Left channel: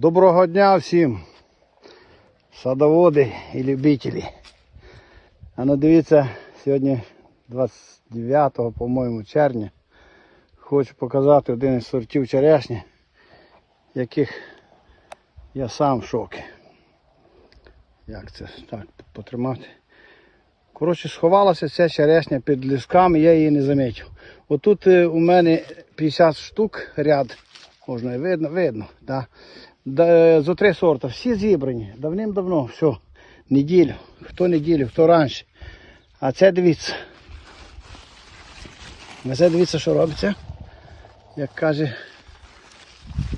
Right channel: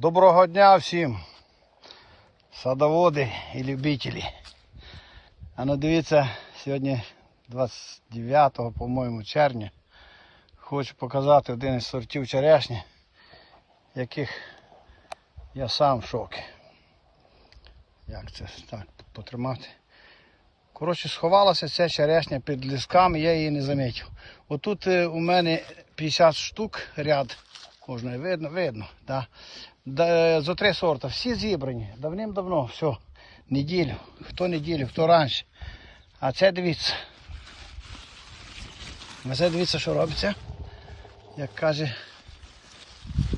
Доброго дня всім, садоводи і любителі. А ну дивіться, сьогодні 29, по-моєму, червня. Хочу показати один із сортів черешні, яких я сам в шокі. Як це так потримати? Коротше, сховалася ця черешня під лісками, я її не замітив. Отут е, у мене 50 штук ряд, можна видно, видно. Да. Да, зо три сорта, всі зібрані, давним-давно, все, неділю, хто неділю, хто раніше. А це дивіться. А це дивіться, що робиться. Як каже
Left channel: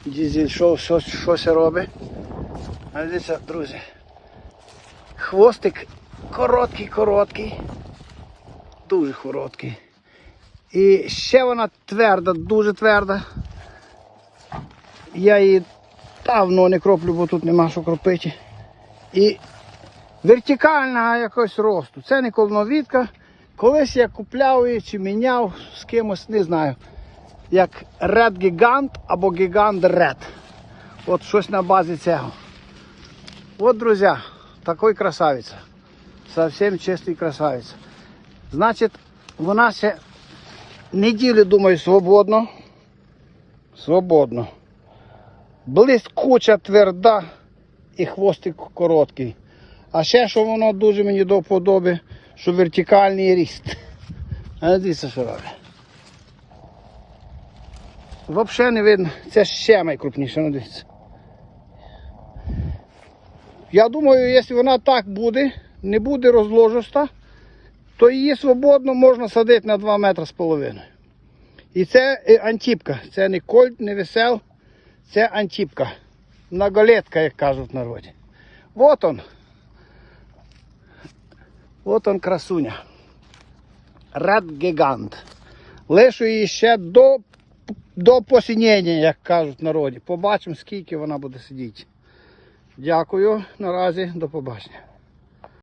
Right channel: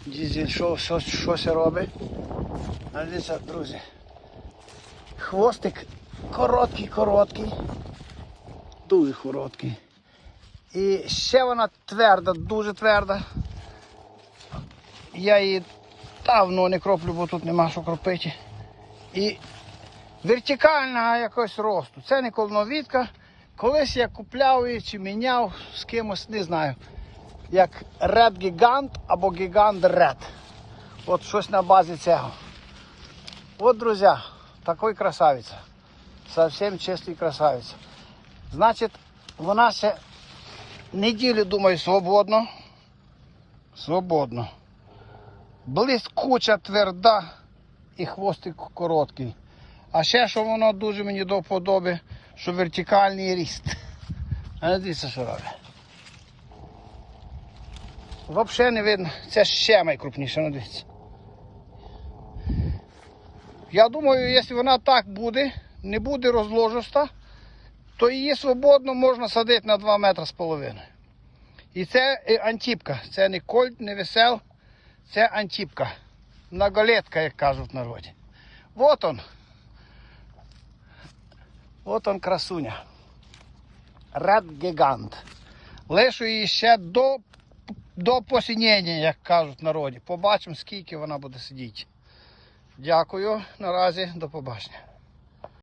дізель що, що ще робить. А Дивіться, друзі. Хвостик короткий, короткий, дуже короткий. І ще вона тверда, дуже тверда. Я її давно не кроплю, бо тут нема що кропити. І вертикальна якось росту. Це не колоновідка. Колись я купляв її чи міняв з кимось, не знаю. Як Red Gigant або Gigant Red. От щось на базі цього. От, друзі, такой красавиця. Совсем чистий красавець. Значить, вона ще неділю, думаю, свободно. Свободно. Блискуча, тверда і хвостик короткий. А ще що воно дуже мені до вподоби, що вертикальний ріст. А дивіться, що я. Взагалі не видно, це ще найкрупніше, ну дивіться. Я думаю, якщо вона так буде, не буде розложиста, то її свободно можна садити на 2 метри з половиною. І це е, антипка. Це не кольт, не весел, це антіпка. Многолетка, як кажуть в народі. Вот он. Вот он красуня. Рад гігант. Лишу її ще до, до посінення, як кажуть в народі. Побачимо, скільки вона буде сидіти. Дякую. Наразі до побачення.